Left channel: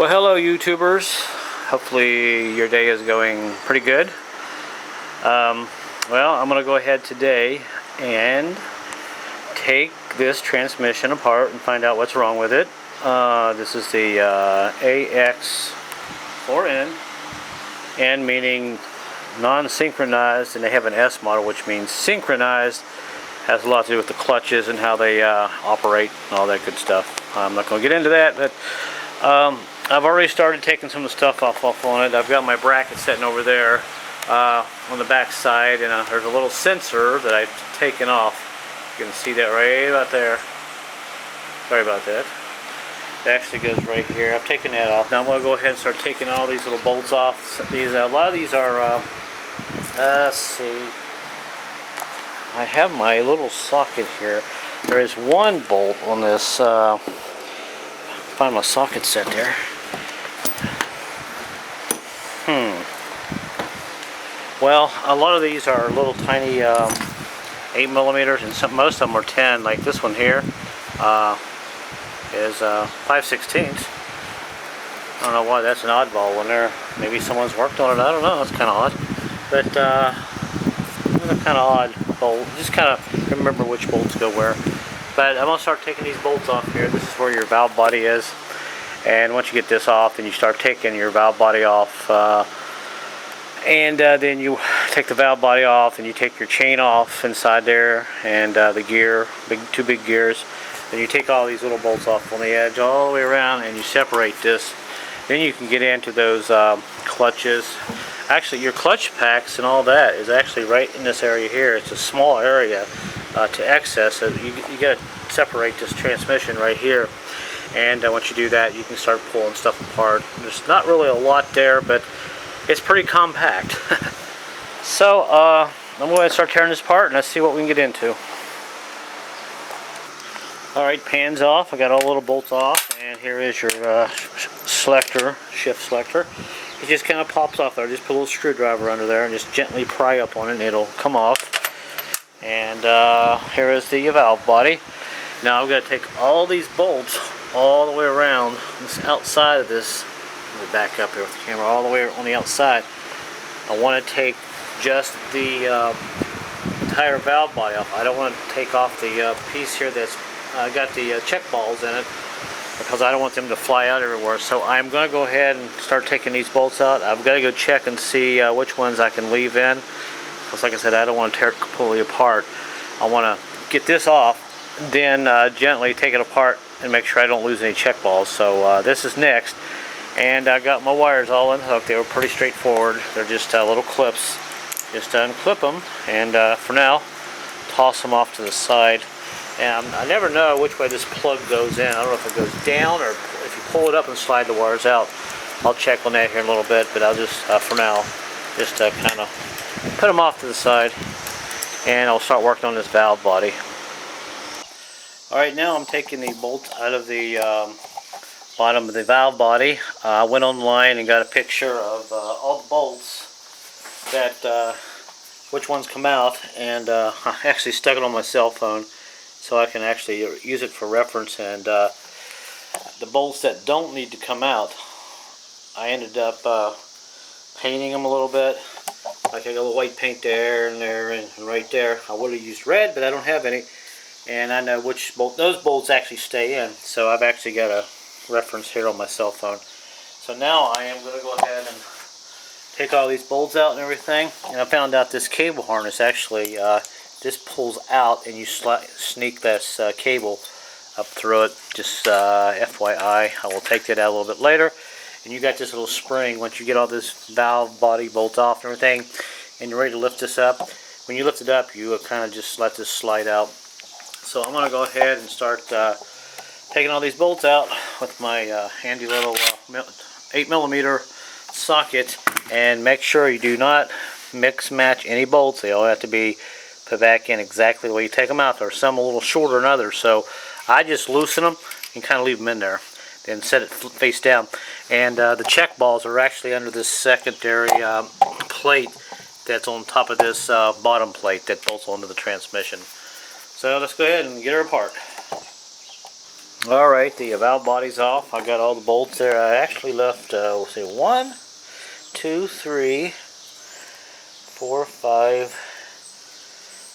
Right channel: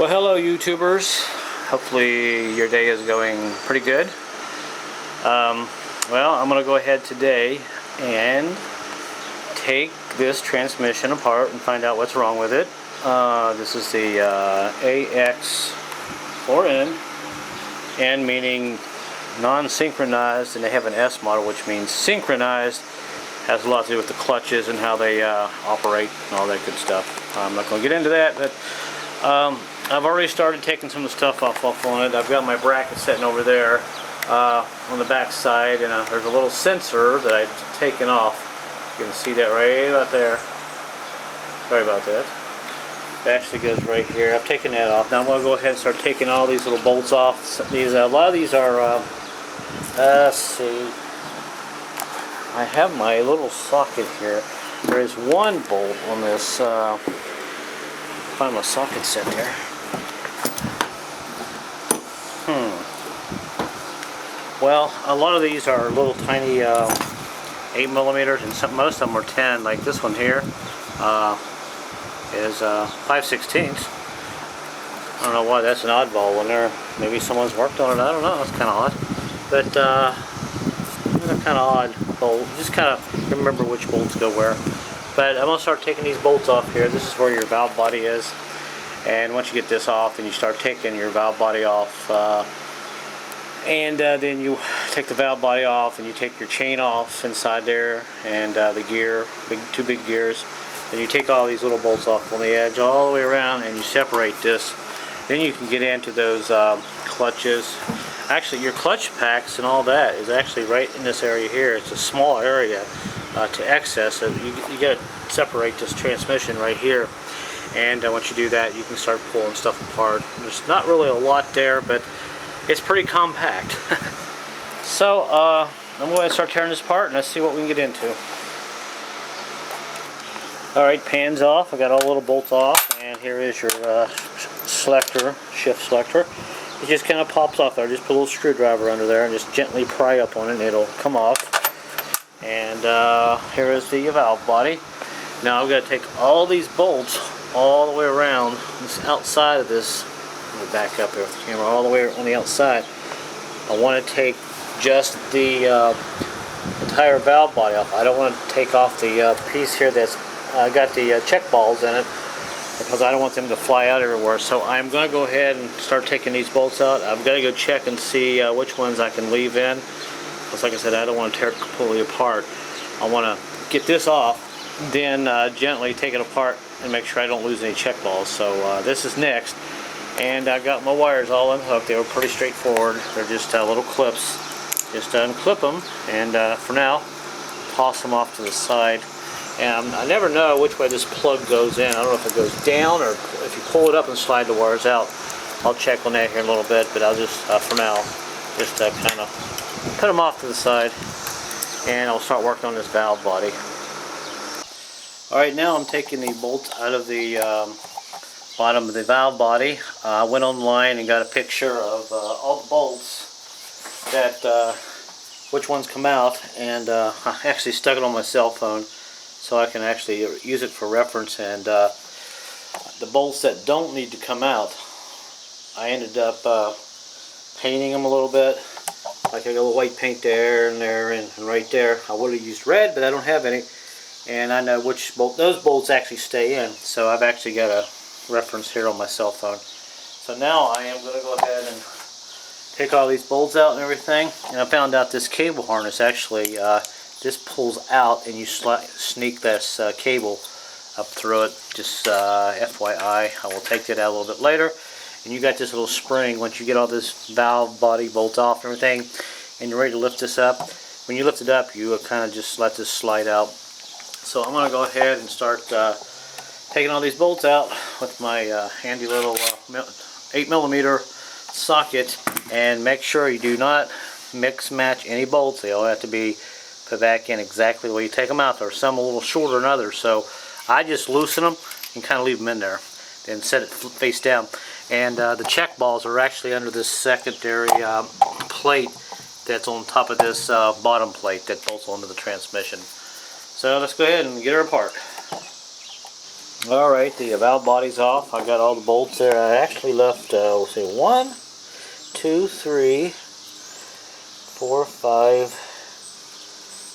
Well, hello YouTubers. Hopefully your day is going pretty good. Well, I'm going to go ahead today and take this transmission apart and find out what's wrong with it. This is the AX4N, N meaning non-synchronized, and they have an S model which means synchronized. Has a lot to do with the clutches and how they operate and all that good stuff. I'm not going to get into that, but I've already started taking some of the stuff off on it. I've got my bracket sitting over there on the back side, and there's a little sensor that I've taken off. You can see that right about there. Sorry about that. It actually goes right here. I've taken that off. Now I'm going to go ahead and start taking all these little bolts off. These a lot of these are, let's see. I have my little socket here. There is one bolt on this. Find my socket set here. Well, a lot of these are little tiny 8mm, and most of them are 10. Like this one here is 5/16. I don't know why that's an oddball one there. Maybe someone's worked on it. I don't know. That's kind of odd. But it's a kind of odd bolt. Just kind of remember which bolts go where. But I'm going to start taking these bolts off here. This is where your valve body is. And once you get this off, then you start taking your valve body off. Then you take the valve body off, and you take your chain off inside there, and the gear, two big gears. Then you take all these little bolts off on the edge all the way around, and you separate this. Then you can get into those clutches. Actually, your clutch packs and all that is actually right in this area here. It's a small area to access. So you got to separate this transmission right here. And once you do that, you can start pulling stuff apart. There's not really a lot there, but it's pretty compact. So I'm going to start tearing this apart, and let's see what we can get into. Alright, pan's off. I got all the little bolts off, and here is your selector, shift selector. It just kind of pops off there. Just put a little screwdriver under there and just gently pry up on it, and it'll come off. And here is the valve body. Now I've got to take all these bolts all the way around this outside of this. Let me back up here with the camera all the way on the outside. I want to take just the entire valve body off. I don't want to take off the piece here that's got the check balls in it, because I don't want them to fly out everywhere. So I'm going to go ahead and start taking these bolts out. I've got to go check and see which ones I can leave in, because like I said, I don't want to tear it completely apart. I want to get this off, then gently take it apart and make sure I don't lose any check balls. So this is next. And I got my wires all unhooked. They were pretty straightforward. They're just little clips. Just unclip them, and for now, toss them off to the side. And I never know which way this plug goes in. I don't know if it goes down or if you pull it up and slide the wires out. I'll check on that here in a little bit, but I'll just, for now, just kind of put them off to the side, and I'll start working on this valve body. Alright, now I'm taking the bolts out of the bottom of the valve body. I went online and got a picture of all the bolts, that which ones come out, and I actually stuck it on my cell phone so I can actually use it for reference. And the bolts that don't need to come out, I ended up painting them a little bit. Like I got a little white paint there and there and right there. I would have used red, but I don't have any. And I know which bolt, those bolts actually stay in. So I've actually got a reference here on my cell phone. So now I am going to go ahead and take all these bolts out and everything. And I found out this cable harness actually, this pulls out, and you sneak this cable up through it. Just FYI, I will take that out a little bit later. And you got this little spring. Once you get all this valve body bolts off and everything, and you're ready to lift this up, when you lift it up, you kind of just let this slide out. So I'm going to go ahead and start taking all these bolts out with my handy little 8mm socket, and make sure you do not mix match any bolts. They all have to be put back in exactly the way you take them out. There's some a little shorter than others, so I just loosen them and kind of leave them in there, then set it face down. And the check balls are actually under this secondary plate that's on top of this bottom plate that bolts onto the transmission. So let's go ahead and get her apart. Alright, the valve body's off. I got all the bolts there. I actually left, let's see, 1, 2, 3, 4, 5,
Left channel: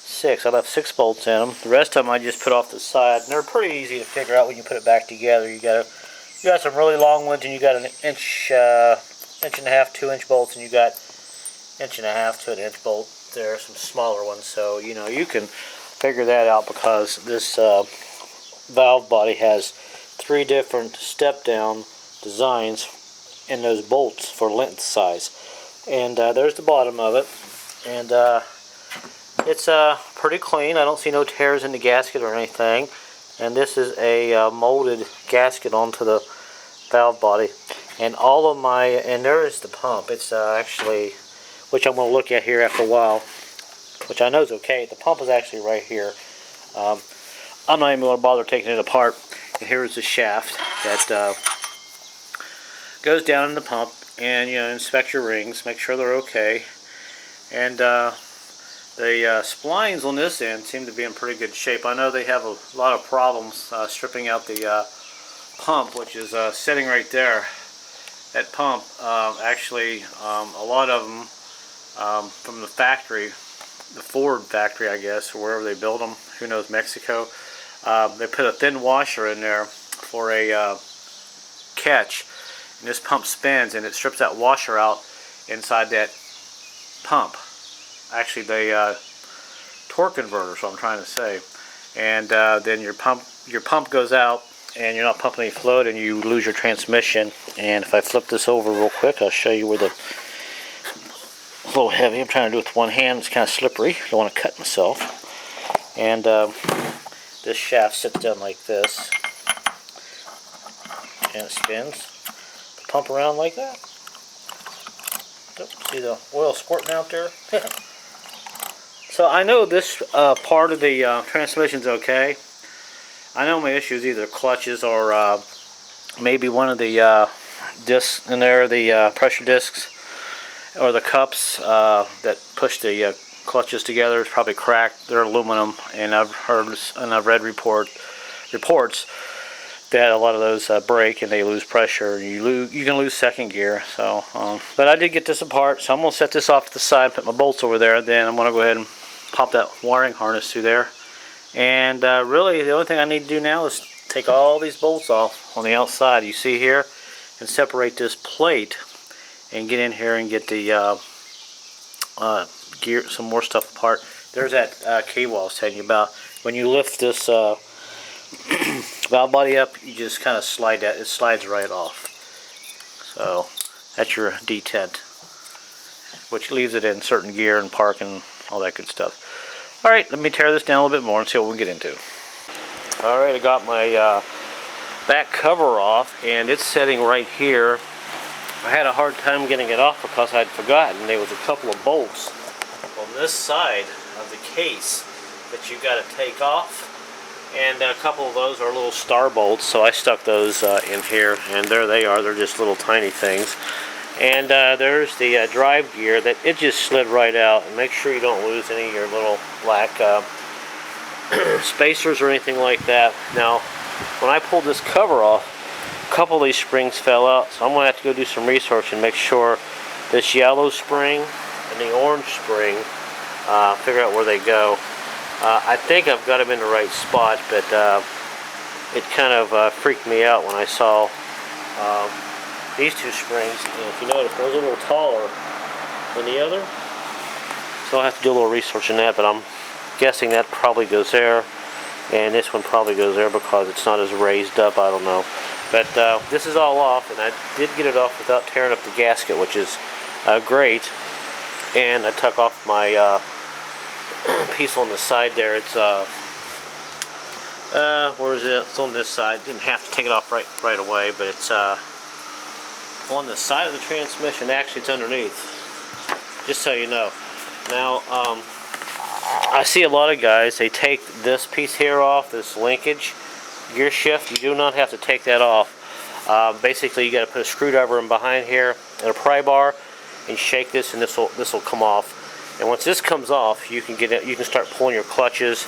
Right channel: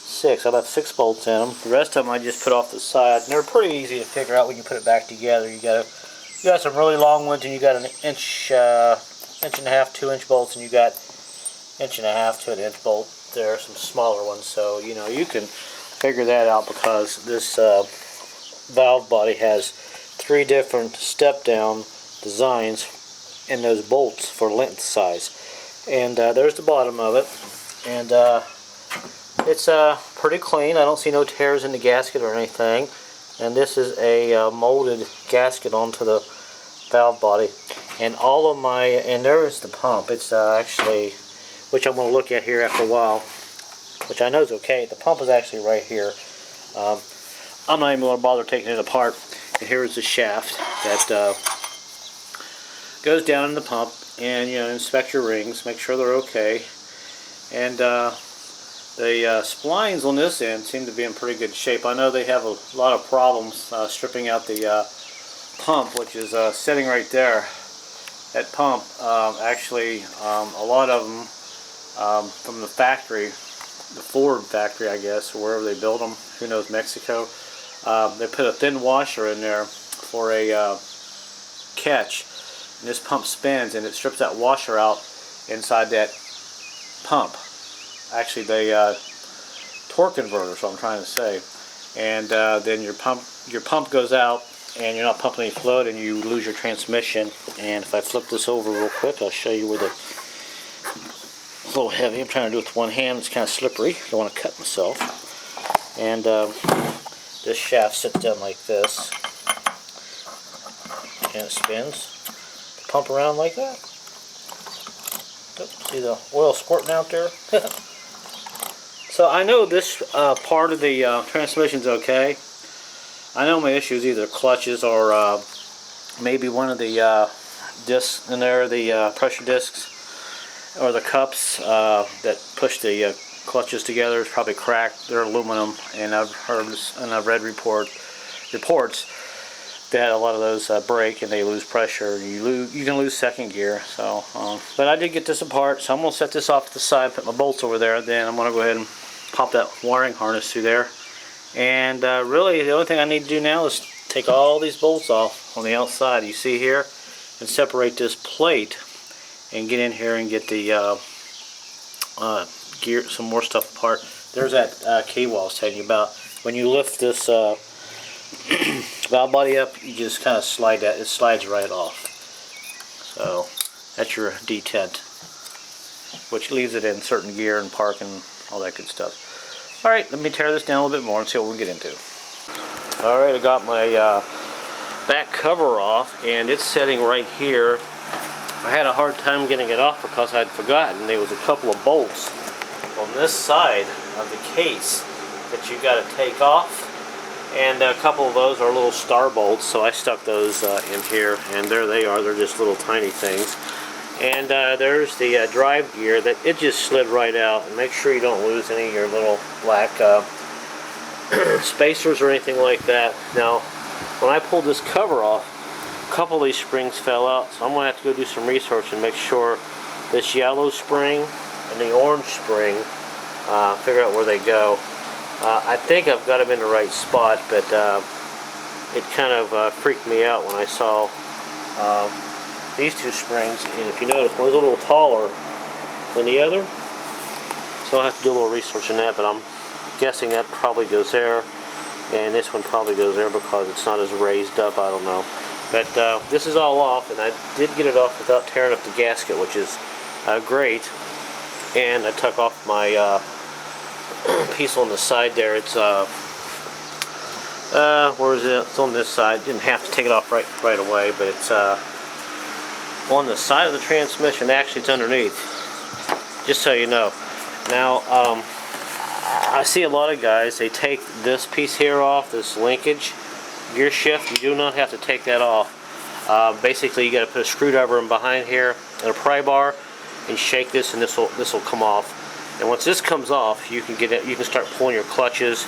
6. I left 6 bolts in them. The rest of them I just put off the side. And they're pretty easy to figure out when you put it back together. You got some really long ones, and you got an inch, inch and a half, 2-inch bolts, and you got inch and a half to an inch bolt. There are some smaller ones, so you know you can figure that out because this valve body has 3 different step-down designs in those bolts for length size. And there's the bottom of it, and it's pretty clean. I don't see no tears in the gasket or anything. And this is a molded gasket onto the valve body. And all of my, and there is the pump. It's actually, which I'm going to look at here after a while, which I know is okay. The pump is actually right here. I'm not even going to bother taking it apart. And here is the shaft that goes down in the pump, and you know, inspect your rings, make sure they're okay. And the splines on this end seem to be in pretty good shape. I know they have a lot of problems stripping out the pump, which is sitting right there. That pump, actually, a lot of them from the factory, the Ford factory, I guess, or wherever they build them, who knows, Mexico. They put a thin washer in there for a catch, and this pump spins and it strips that washer out inside that pump. Actually, the torque converter, so I'm trying to say. And then your pump goes out, and you're not pumping any fluid, and you lose your transmission. And if I flip this over real quick, I'll show you where the, a little heavy. I'm trying to do it with one hand. It's kind of slippery. Don't want to cut myself. And this shaft sits down like this, and it spins. Pump around like that. See the oil squirting out there? So I know this part of the transmission's okay. I know my issue is either clutches or maybe one of the discs in there, the pressure discs, or the cups that push the clutches together is probably cracked. They're aluminum, and I've heard and I've read reports that a lot of those break and they lose pressure. You can lose second gear. So, but I did get this apart, so I'm gonna set this off to the side, put my bolts over there. Then I'm gonna go ahead and pop that wiring harness through there. And really, the only thing I need to do now is take all these bolts off on the outside. You see here, and separate this plate, and get in here and get the gear, some more stuff apart. There's that cable I was telling you about. When you lift this valve body up, you just kind of slide that. It slides right off. So that's your detent, which leaves it in certain gear and park and all that good stuff. Alright, let me tear this down a little bit more and see what we can get into. Alright, I got my back cover off, and it's sitting right here. I had a hard time getting it off because I'd forgotten there was a couple of bolts on this side of the case that you got to take off, and a couple of those are little star bolts, so I stuck those in here, and there they are. They're just little tiny things. And there's the drive gear that it just slid right out. And make sure you don't lose any of your little black spacers or anything like that. Now, when I pulled this cover off, a couple of these springs fell out, so I'm going to have to go do some research and make sure this yellow spring and the orange spring, figure out where they go. I think I've got them in the right spot, but it kind of freaked me out when I saw these two springs. And if you notice, one's a little taller than the other, so I'll have to do a little research on that, but I'm guessing that probably goes there, and this one probably goes there because it's not as raised up. I don't know. But this is all off, and I did get it off without tearing up the gasket, which is great. And I took off my piece on the side there. It's where is it? It's on this side. Didn't have to take it off right away, but it's on the side of the transmission. Actually, it's underneath, just so you know. Now, I see a lot of guys, they take this piece here off, this linkage gear shift. You do not have to take that off. Basically, you got to put a screwdriver in behind here and a pry bar, and shake this, and this will come off. And once this comes off, you can get it. You can start pulling your clutches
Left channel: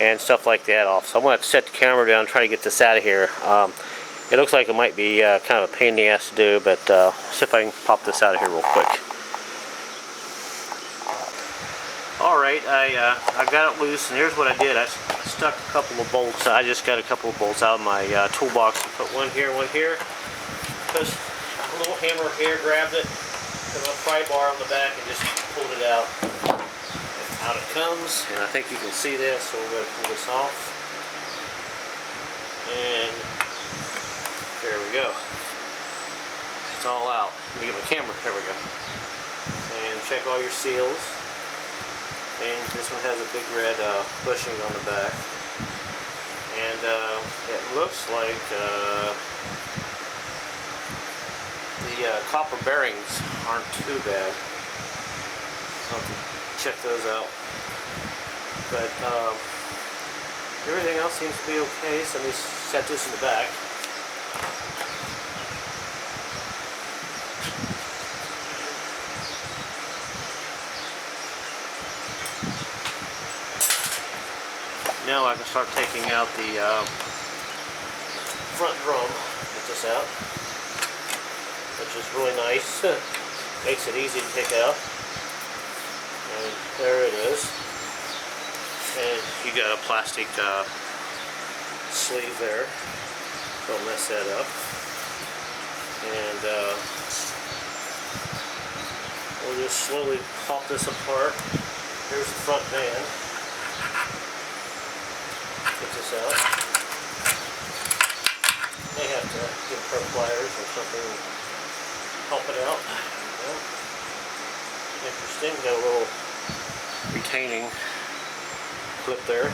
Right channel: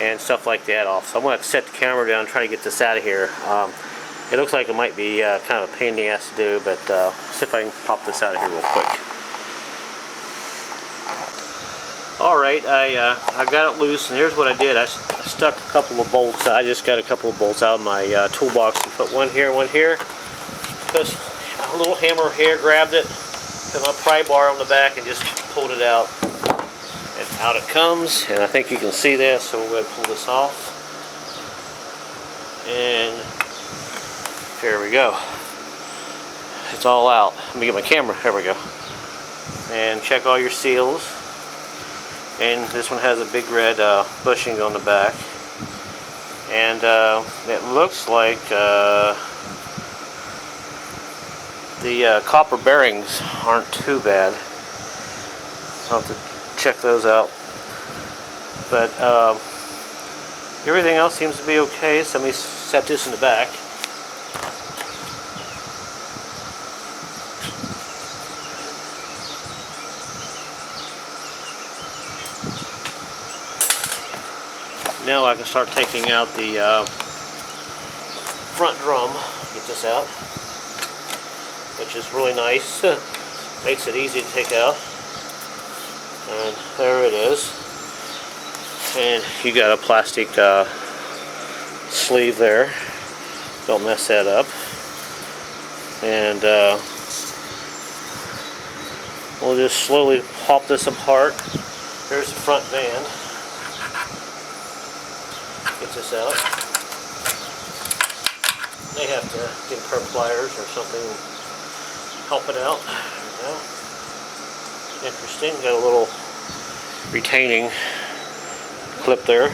and stuff like that off. So I'm going to set the camera down and try to get this out of here. It looks like it might be kind of a pain in the ass to do, but see if I can pop this out of here real quick. Alright, I got it loose, and here's what I did. I stuck a couple of bolts. I just got a couple of bolts out of my toolbox and put one here, because a little hammer here grabbed it, put my pry bar on the back and just pulled it out. And out it comes, and I think you can see this, so we're going to pull this off. And here we go. It's all out. Let me get my camera. There we go. And check all your seals. And this one has a big red bushing on the back. And it looks like the copper bearings aren't too bad. I'll have to check those out. But everything else seems to be okay, so let me set this in the back. Now I can start taking out the front drum. Get this out, which is really nice. Makes it easy to take out. And there it is. And you got a plastic sleeve there. Don't mess that up. And we'll just slowly pop this apart. Here's the front band. Get this out. May have to get a pair of pliers or something and help it out. There we go. Interesting. Got a little retaining clip there.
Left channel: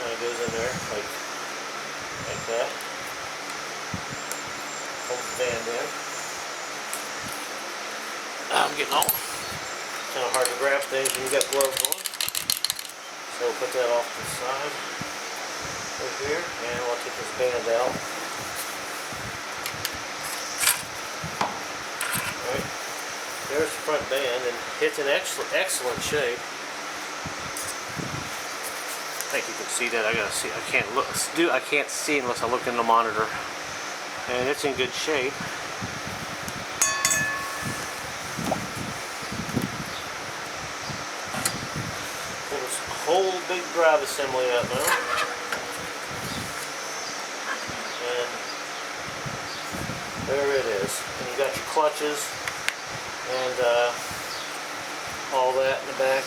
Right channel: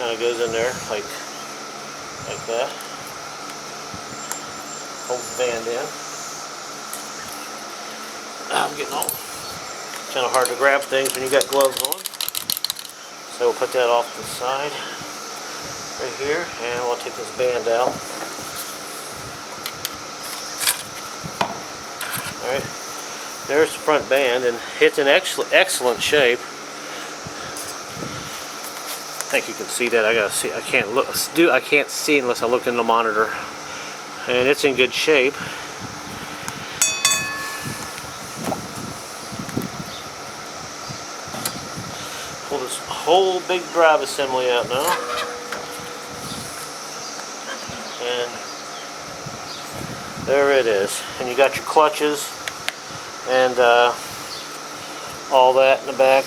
Kind of goes in there like that. Hold the band in. I'm getting all kind of hard to grab things when you got gloves on. So we'll put that off to the side right here, and we'll take this band out. Alright, there's the front band, and it's in excellent shape. I think you can see that. I gotta see. I can't see unless I look in the monitor, and it's in good shape. Pull this whole big drive assembly out now. And there it is. And you got your clutches and all that in the back.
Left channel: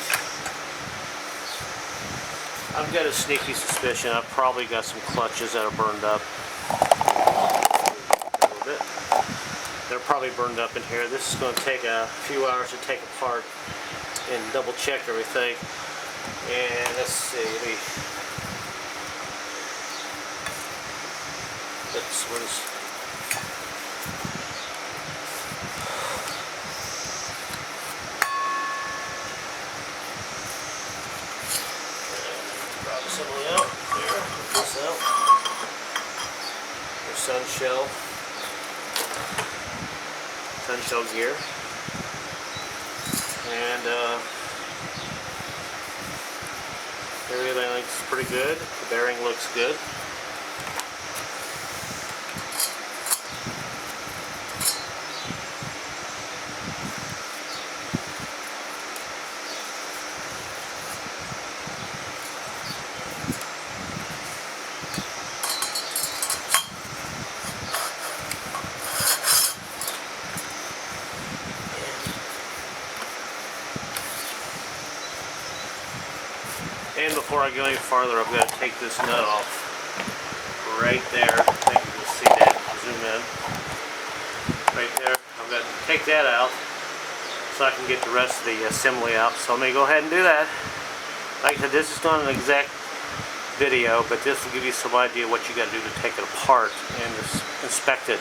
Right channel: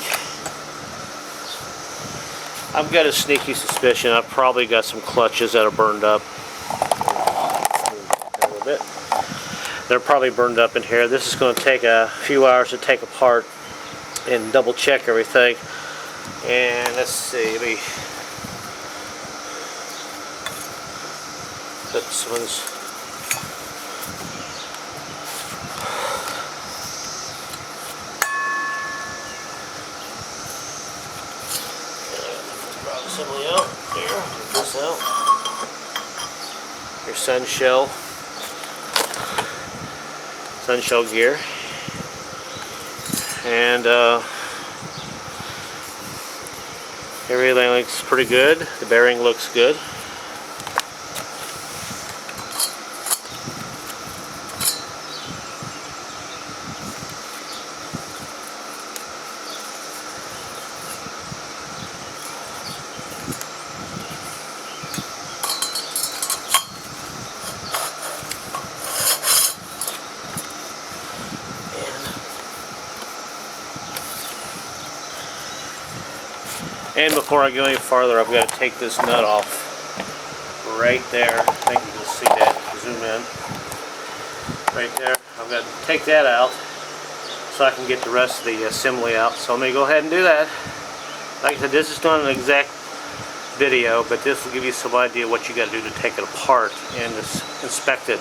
I've got a sneaky suspicion I've probably got some clutches that are burned up. A little bit. They're probably burned up in here. This is going to take a few hours to take apart and double check everything. And let's see, let me put this one's assembly out there. Put this out. Your sun shell gear, and everything looks pretty good. The bearing looks good. And before I go any farther, I've got to take this nut off right there. I think you can see that. Zoom in. Right there. I've got to take that out so I can get the rest of the assembly out. So let me go ahead and do that. Like I said, this is not an exact video, but this will give you some idea what you got to do to take it apart and just inspect it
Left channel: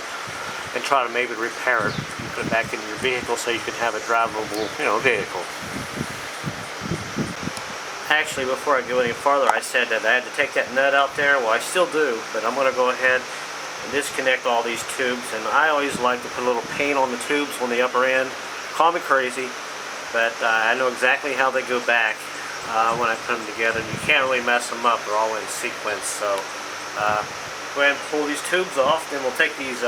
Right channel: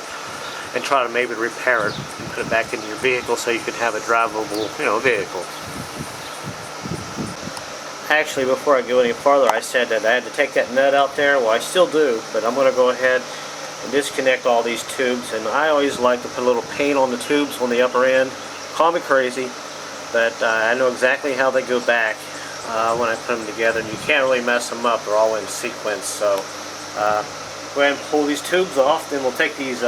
and try to maybe repair it and put it back into your vehicle so you can have a drivable, vehicle. Actually, before I go any farther, I said that I had to take that nut out there. Well, I still do, but I'm going to go ahead and disconnect all these tubes. And I always like to put a little paint on the tubes on the upper end. Call me crazy, but I know exactly how they go back. when I put them together, and you can't really mess them up. They're all in sequence. So go ahead and pull these tubes off. Then we'll take these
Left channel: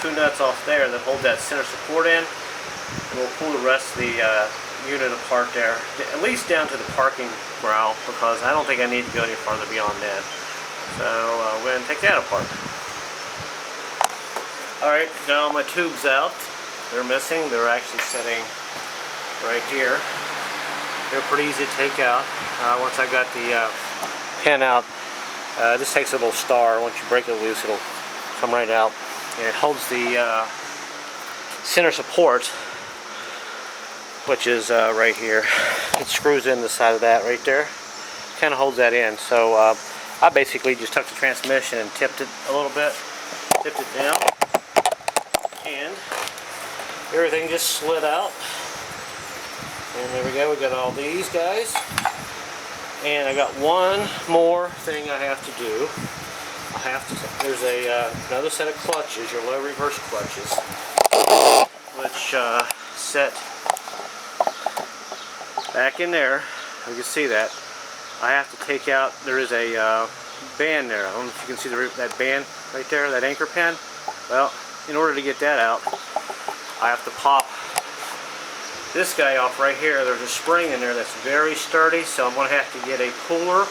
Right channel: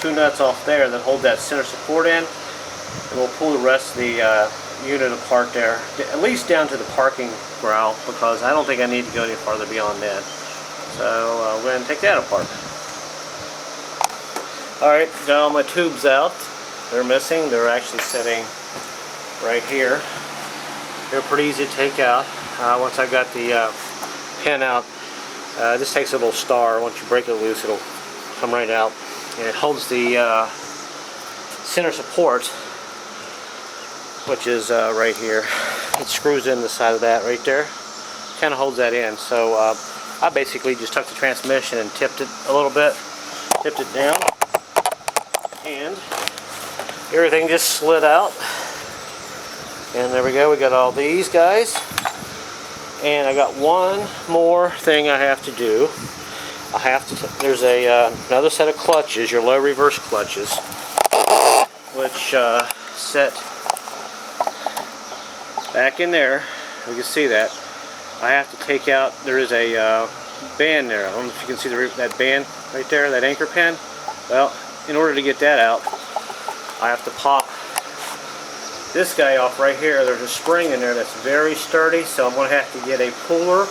two nuts off there that hold that center support in, and we'll pull the rest of the unit apart there, at least down to the parking growl, because I don't think I need to go any farther beyond that. So we'll go ahead and take that apart. Alright, got all my tubes out. They're missing. They're actually sitting right here. They're pretty easy to take out. Once I got the pin out, this takes a little star. Once you break it loose, it'll come right out. And it holds the center support, which is right here. It screws in the side of that right there. Kind of holds that in. So I basically just took the transmission and tipped it a little bit, tipped it down, and everything just slid out. And there we go, we got all these guys. And I got one more thing I have to do. There's another set of clutches, your low reverse clutches, which set back in there. You can see that. I have to take out, there is a band there. I don't know if you can see that band right there, that anchor pin. Well, in order to get that out, I have to pop this guy off right here. There's a spring in there that's very sturdy, so I'm going to have to get a puller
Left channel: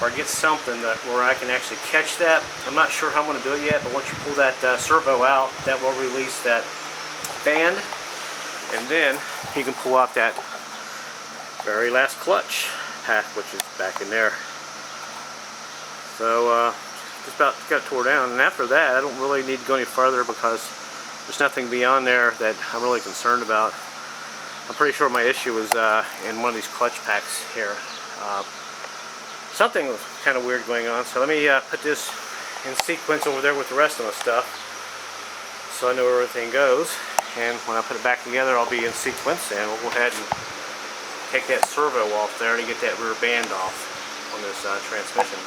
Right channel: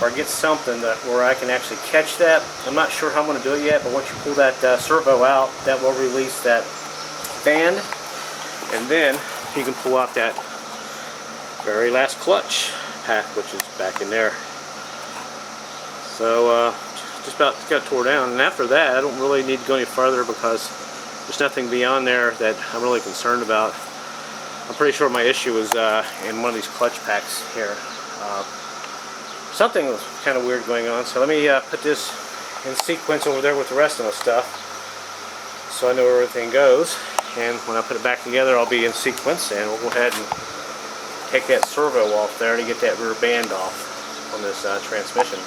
or get something where I can actually catch that. I'm not sure how I'm going to do it yet, but once you pull that servo out, that will release that band, and then you can pull out that very last clutch pack, which is back in there. So just about got it tore down, and after that I don't really need to go any further because there's nothing beyond there that I'm really concerned about. I'm pretty sure my issue was in one of these clutch packs here. Something was kind of weird going on, so let me put this in sequence over there with the rest of the stuff so I know where everything goes, and when I put it back together I'll be in sequence, and we'll go ahead and take that servo off there to get that rear band off on this transmission.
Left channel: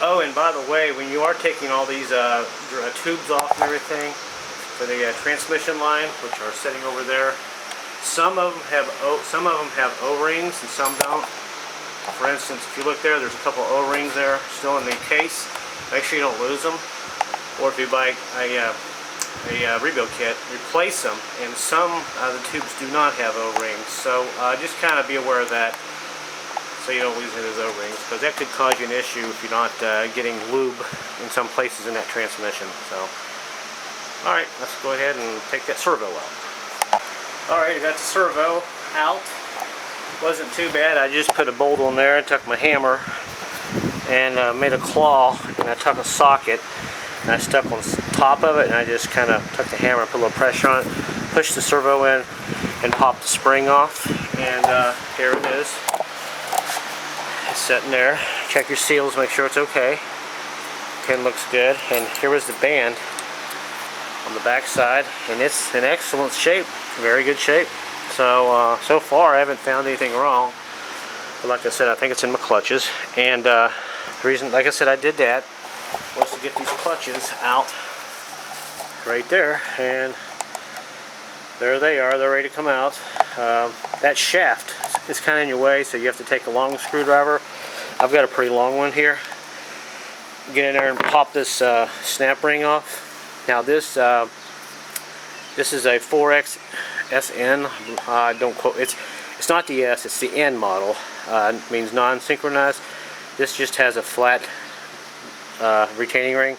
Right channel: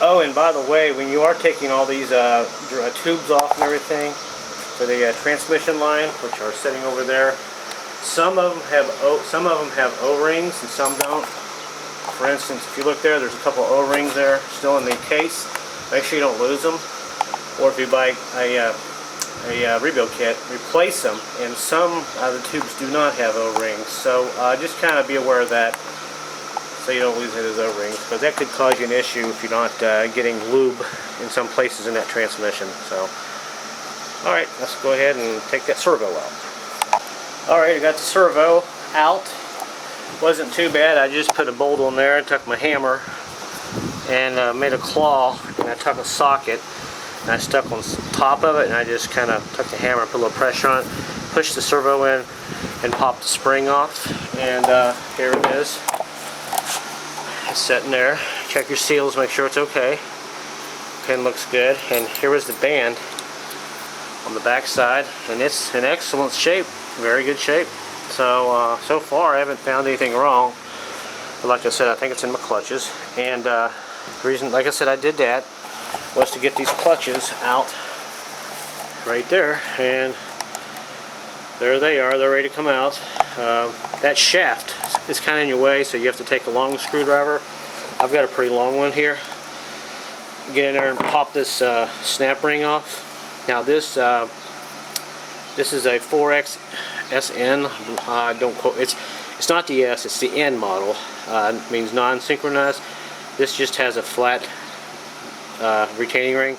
Oh, and by the way, when you are taking all these tubes off and everything for the transmission line, which are sitting over there, some of them have O-rings and some don't. For instance, if you look there, there's a couple of O-rings there still in the case. Make sure you don't lose them. Or if you buy a rebuild kit, replace them. And some of the tubes do not have O-rings, so just kind of be aware of that, so you don't lose any of those O-rings, because that could cause you an issue if you're not getting lube in some places in that transmission. So, alright, let's go ahead and take that servo out. Alright, I got the servo out. Wasn't too bad. I just put a bolt on there and took my hammer and made a claw, and I took a socket and I stuck on top of it, and I just kind of took the hammer and put a little pressure on it, pushed the servo in, and popped the spring off, and here it is. It's sitting there. Check your seals, make sure it's okay. Pin looks good, and here was the band on the back side, and it's in excellent shape, very good shape. So so far I haven't found anything wrong, but like I said, I think it's in my clutches, and the reason, like I said, I did that was to get these clutches out right there, and there they are. They're ready to come out. That shaft is kind of in your way, so you have to take a long screwdriver. I've got a pretty long one here. Get in there and pop this snap ring off. Now this is a 4XSN. Don't quote. It's not the S. It's the N model. It means non-synchronized. This just has a flat retaining ring.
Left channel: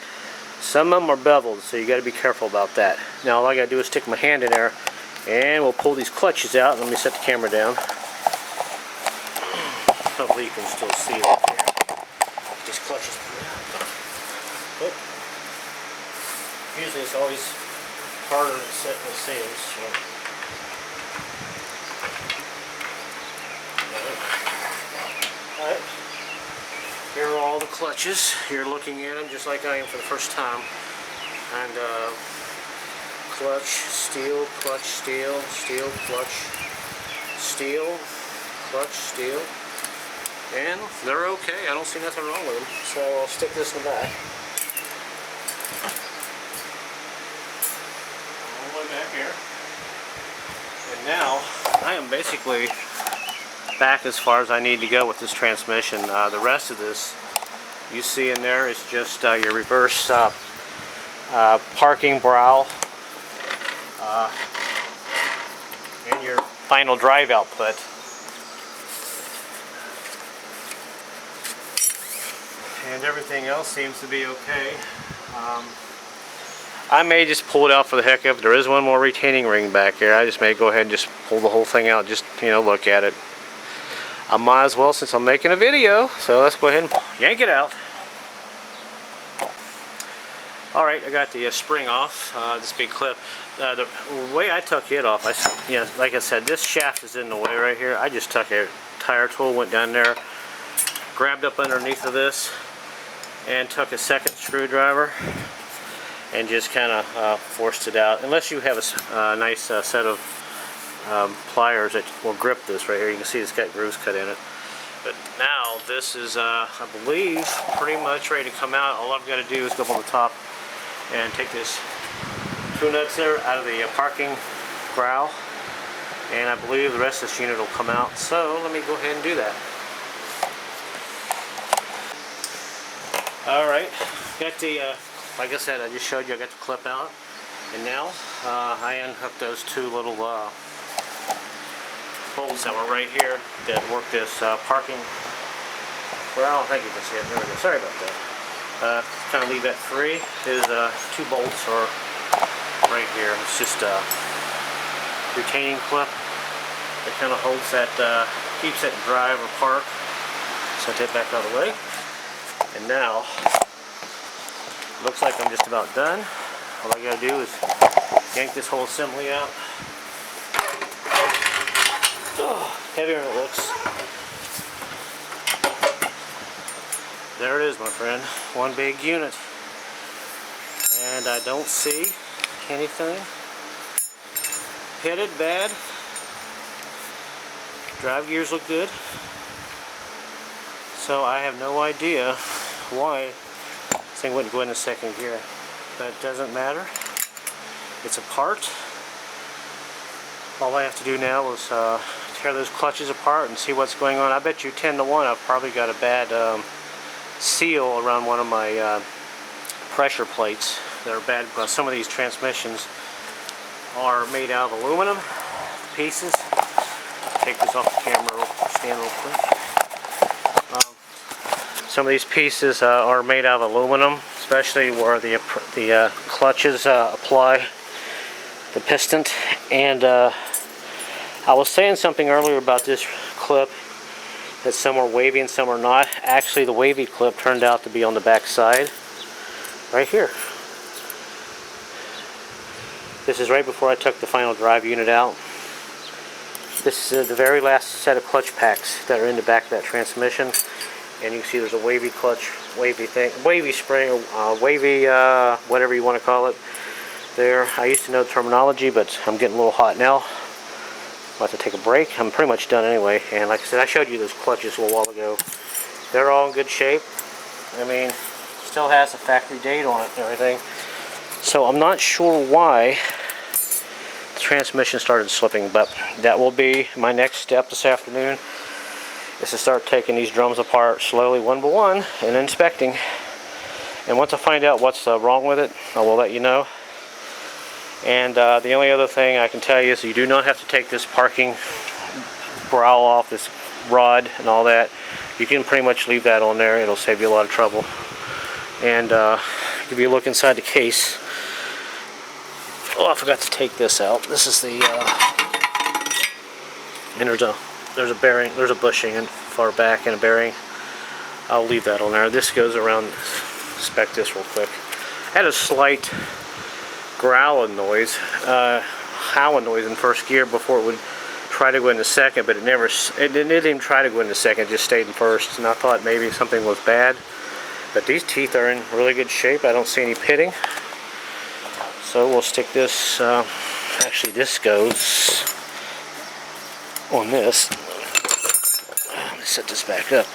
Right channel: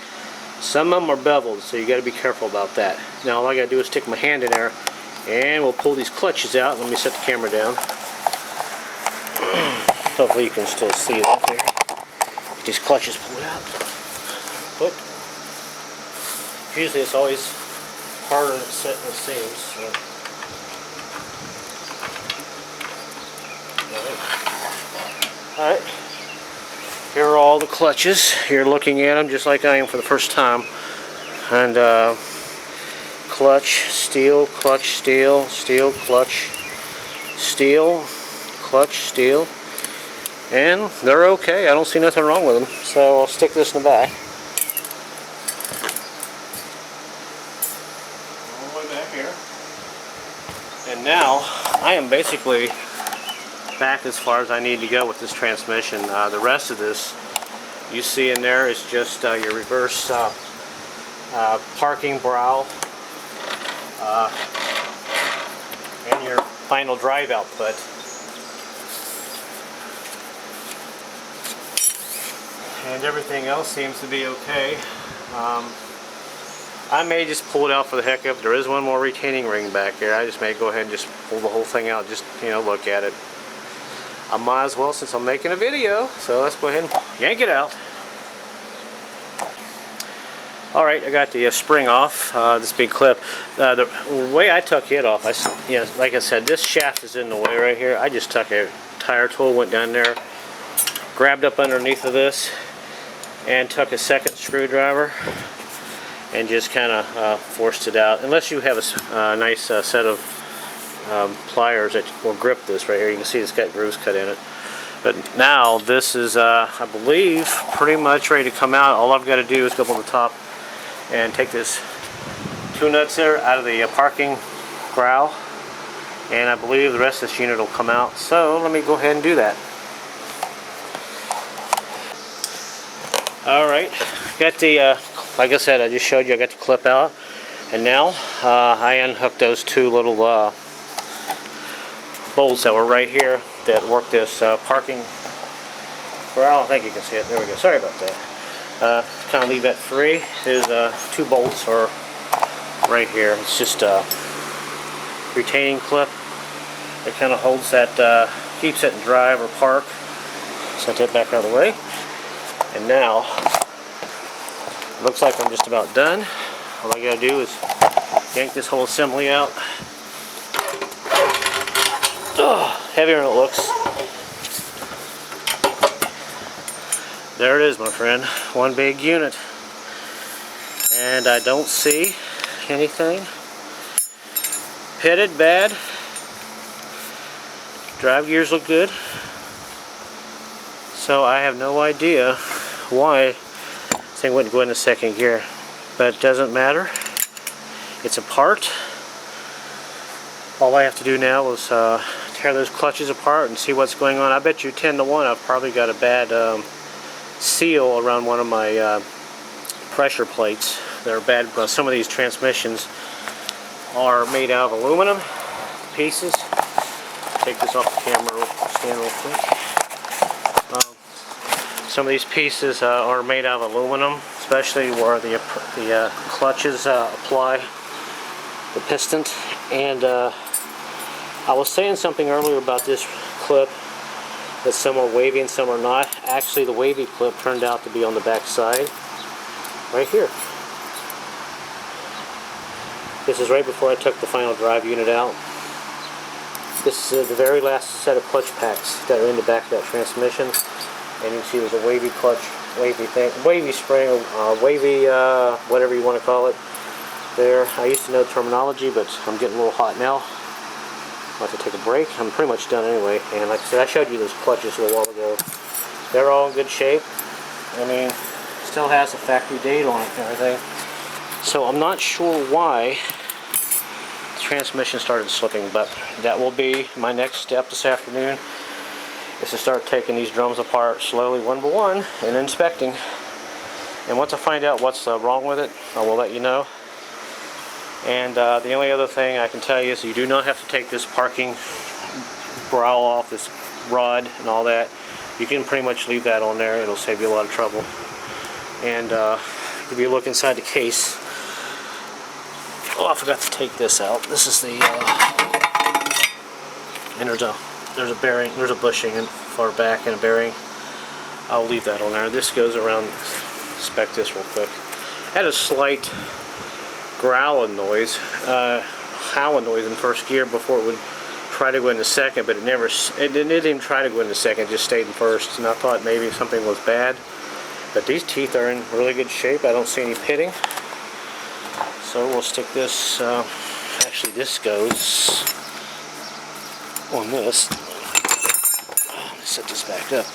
Some of them are beveled, so you got to be careful about that. Now all I got to do is stick my hand in there, and we'll pull these clutches out. Let me set the camera down. Hopefully you can still see that there. These clutches pulled out. But usually it's always harder to set than it seems. So. Alright. Here are all the clutches. You're looking at them just like I am for the first time. And clutch, steel, clutch, steel, steel, clutch, steel, clutch, steel. And they're okay. I don't see nothing wrong with them. So I'll stick this in the back. All the way back here. And now I am basically back as far as I need to go with this transmission. The rest of this you see in there is just your reverse parking brow and your final drive output. And everything else seems to be okay. I may just pull it out for the heck of it. There is one more retaining ring back here. I just may go ahead and just pull the whole thing out, just, you know, look at it. I might as well, since I'm making a video, so let's go ahead and yank it out. Alright, I got the spring off, this big clip. The way I took it off, like I said, this shaft is in the way right here. I just took a tire tool, went down there, grabbed up underneath of this, and took a second screwdriver and just kind of forced it out. Unless you have a nice set of pliers that will grip this right here. You can see it's got grooves cut in it. But now this is, I believe, pretty much ready to come out. All I've got to do is go up on the top and take this two nuts there out of the parking growl, and I believe the rest of this unit will come out. So let me go ahead and do that. Alright, got the, like I said, I just showed you, I got the clip out, and now I unhooked those two little bolts that were right here that work this parking growl. I think you can see it. There we go. Sorry about that. Kind of leave that free. There's two bolts are right here. It's just a retaining clip that kind of holds that, keeps it in drive or park. Set that back out of the way. And now, looks like I'm just about done. All I gotta do is yank this whole assembly out. Oh, heavier than it looks. There it is, my friend. One big unit. And I don't see anything pitted bad. Drive gears look good. So I have no idea why this thing wouldn't go into second gear. But it doesn't matter. It's a part. All I have to do now is tear those clutches apart and see what's going on. I bet you 10 to 1 I've probably got a bad seal around one of my pressure plates. They're bad because some of these transmissions are made out of aluminum pieces. Take this off the camera stand real quick. Some of these pieces are made out of aluminum, especially where the clutches apply the piston. And I was saying something earlier about this clip, that some are wavy and some are not. Actually, the wavy clip turned out to be on the back side, right here. This is right before I took the final drive unit out. This is the very last set of clutch packs that are in the back of that transmission. And you can see there's a wavy clutch, wavy thing, wavy spring, wavy, whatever you want to call it. There, I used to know the terminology, but I'm getting a little hot now. I'll have to take a break. I'm pretty much done anyway. And like I said, I showed you those clutches a little while ago. They're all in good shape. I mean, still has a factory date on it and everything. So I'm not sure why the transmission started slipping, but that will be my next step this afternoon. Is to start taking these drums apart slowly one by one and inspecting. And once I find out what's wrong with it, I will let you know. And the only other thing I can tell you is you do not have to take this parking brow off, this rod and all that. You can pretty much leave that on there. It'll save you a lot of trouble. And if you look inside the case, oh, I forgot to take this out. This is the and there's a bearing, there's a bushing in far back and a bearing. I'll leave that on there. This goes around, inspect this real quick. I had a slight growling noise, howling noise in first gear before it would try to go into second, but it didn't even try to go into second, it just stayed in first. And I thought maybe something was bad. But these teeth are in really good shape. I don't see any pitting. So we'll stick this, actually this goes on this. Let me set this back up.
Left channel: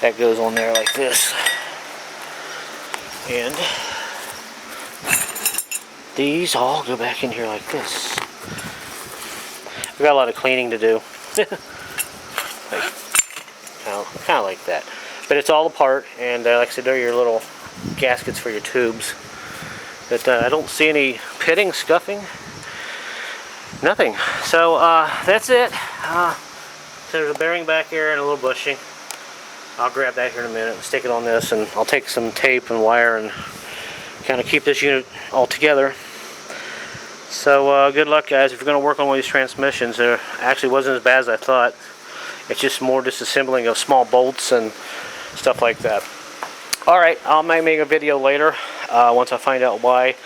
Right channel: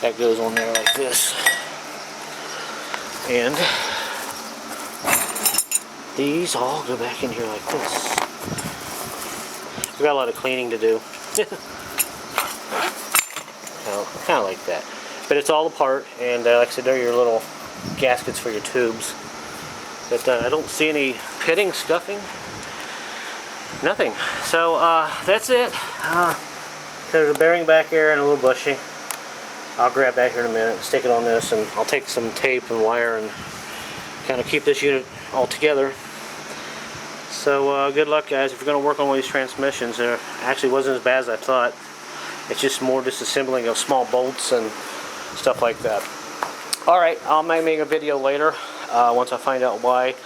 That goes on there like this. And these all go back in here like this. We've got a lot of cleaning to do. kind of like that. But it's all apart, and like I said, they're your little gaskets for your tubes. But I don't see any pitting, scuffing, nothing. So that's it. There's a bearing back here and a little bushing. I'll grab that here in a minute and stick it on this, and I'll take some tape and wire and kind of keep this unit all together. So good luck, guys. If you're going to work on one of these transmissions, it actually wasn't as bad as I thought. It's just more disassembling of small bolts and stuff like that. Alright, I might make a video later once I find out why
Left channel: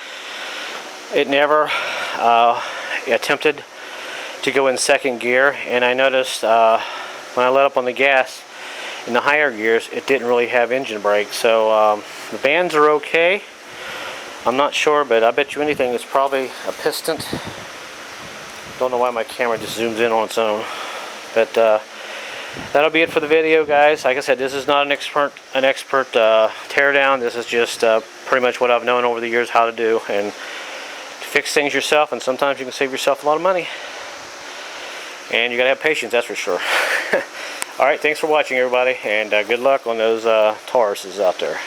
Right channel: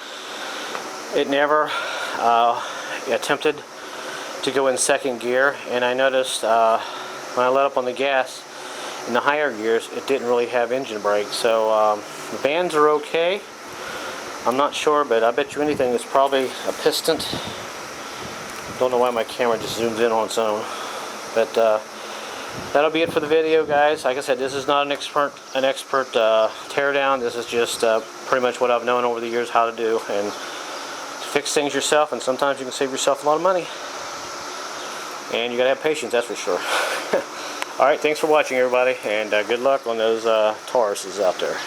it never attempted to go in second gear. And I noticed when I let up on the gas in the higher gears, it didn't really have engine brake. So the bands are okay. I'm not sure, but I bet you anything it's probably a piston. Don't know why my camera just zooms in on its own. But that'll be it for the video, guys. Like I said, this is not an expert teardown. This is just pretty much what I've known over the years how to do and fix things yourself. And sometimes you can save yourself a lot of money. And you gotta have patience, that's for sure. All right, thanks for watching, everybody, and good luck on those Tauruses out there.